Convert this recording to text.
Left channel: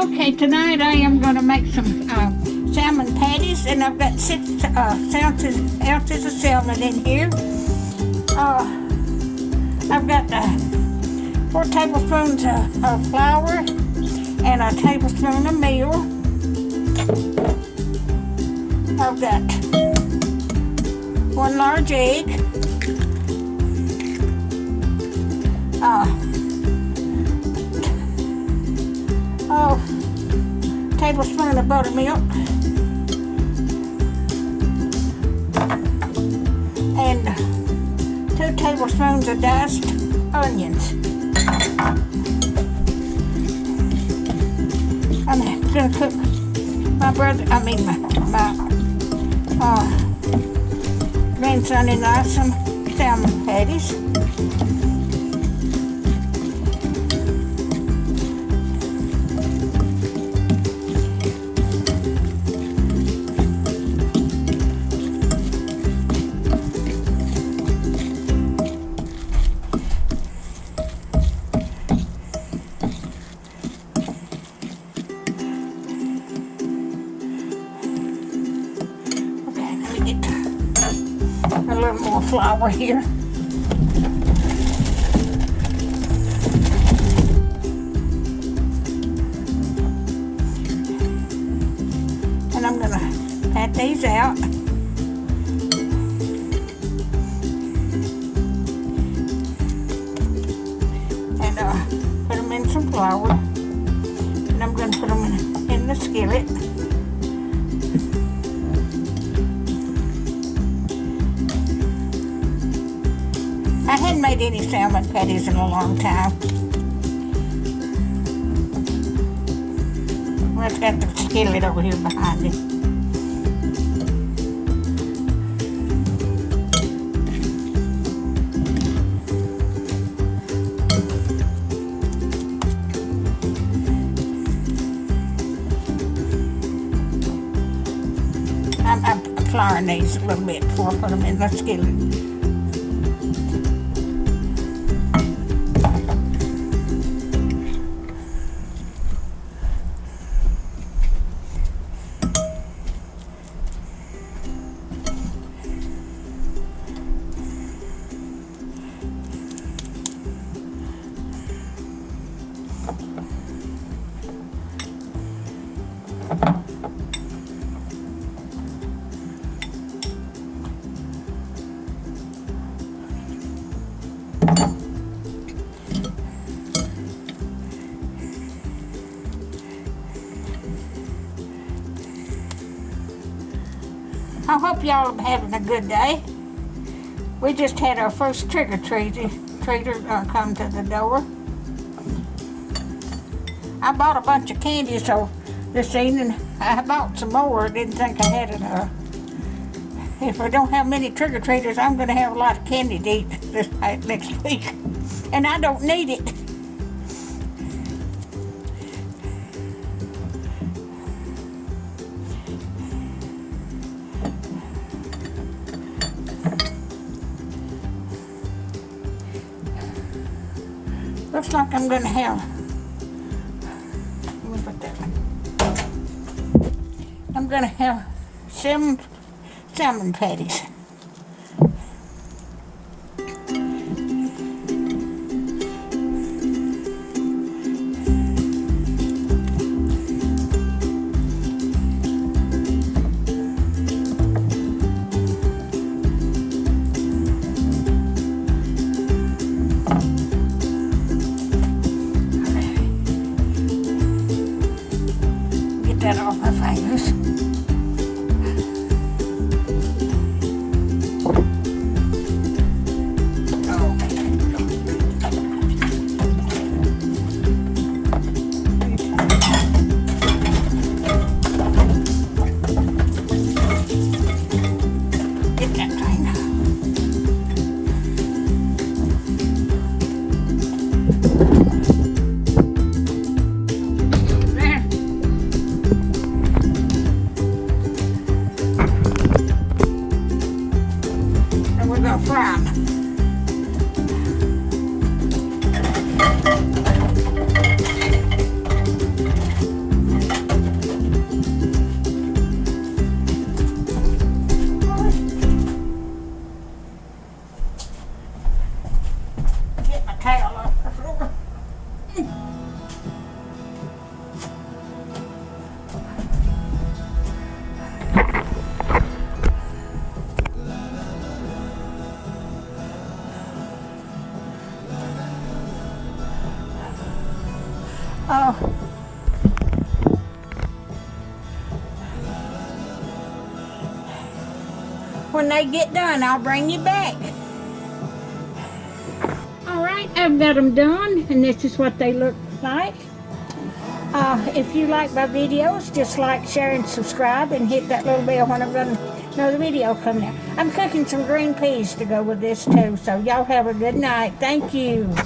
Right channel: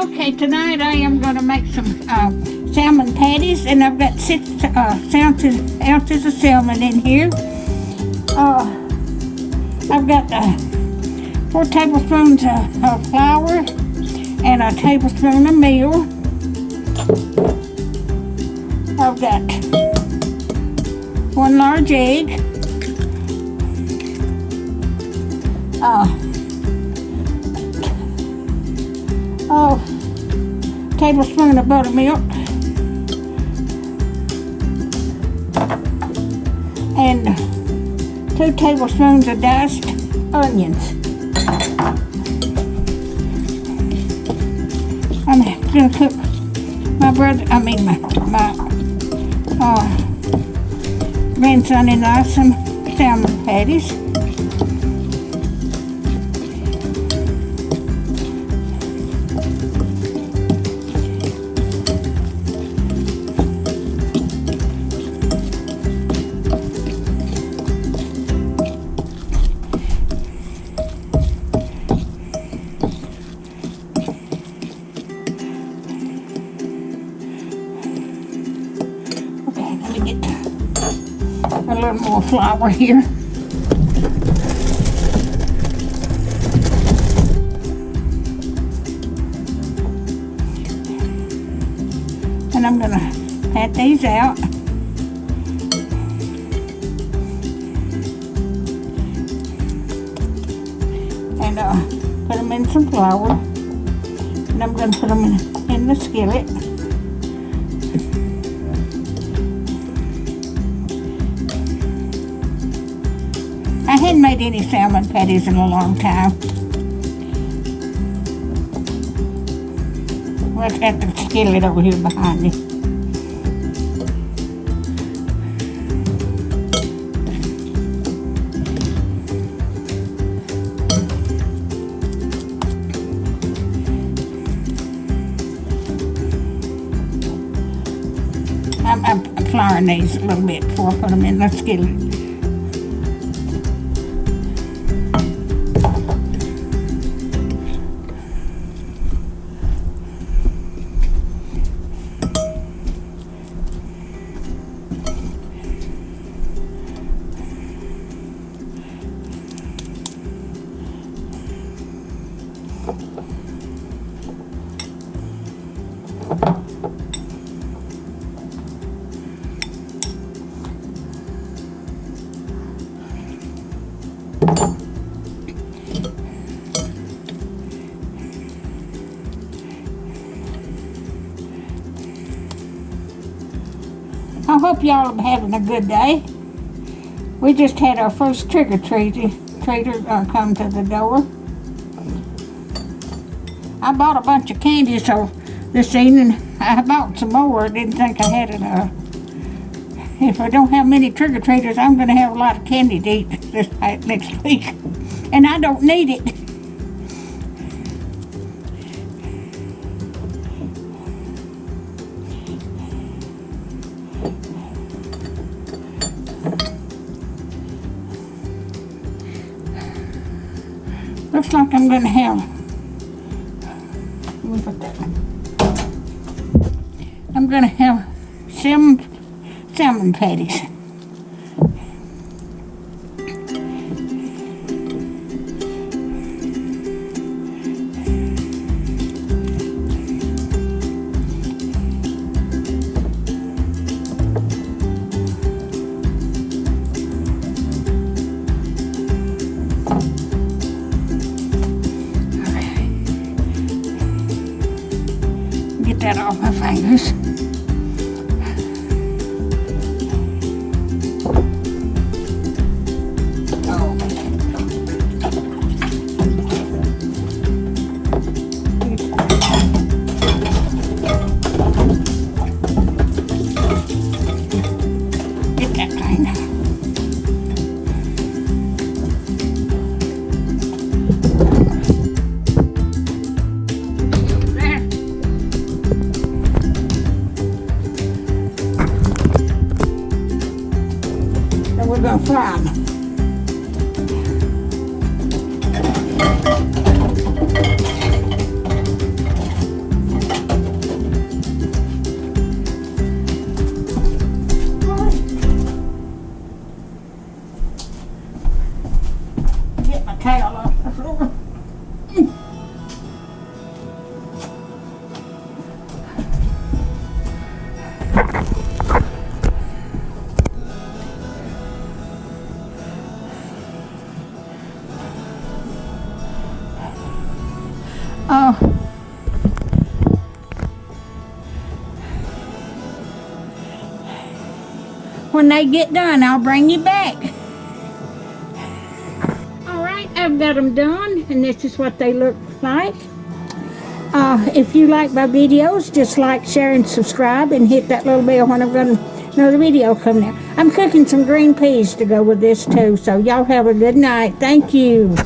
Okay, tonight I am going to make some salmon patties, and I've got 6 ounces of salmon in here. I've got 4 tablespoons of flour and a tablespoon of meal. I've got 1 large egg. Tablespoon of buttermilk, and 2 tablespoons of diced onions. I'm gonna cook my grandson-in-law some salmon patties. More flour here. And I'm going to pat these out. And put them in some flour. And I'm going to put them in the skillet. I hadn't made any salmon patties in a long time. Let's have the skillet over here behind me. I'm flouring these a little bit before I put them in the skillet. I hope y'all are having a good day. We just had our first trick-or-treater come to the door. I bought a bunch of candy this evening. I bought some more. I didn't think I had enough. If I don't have many trick-or-treaters, I'm going to have a lot of candy to eat next week. And I don't need it. Looks like I'm going to have, I'm going to have salmon patties. Get that off my fingers. Oh. When they get done, I'll bring you back. Alright, I've got them done, and this is what they look like. If you like my videos, just like, share, and subscribe, and hit that little bell when I've got another video coming out. I'm cooking some green peas to go with this too, so y'all have a good night. Thank you.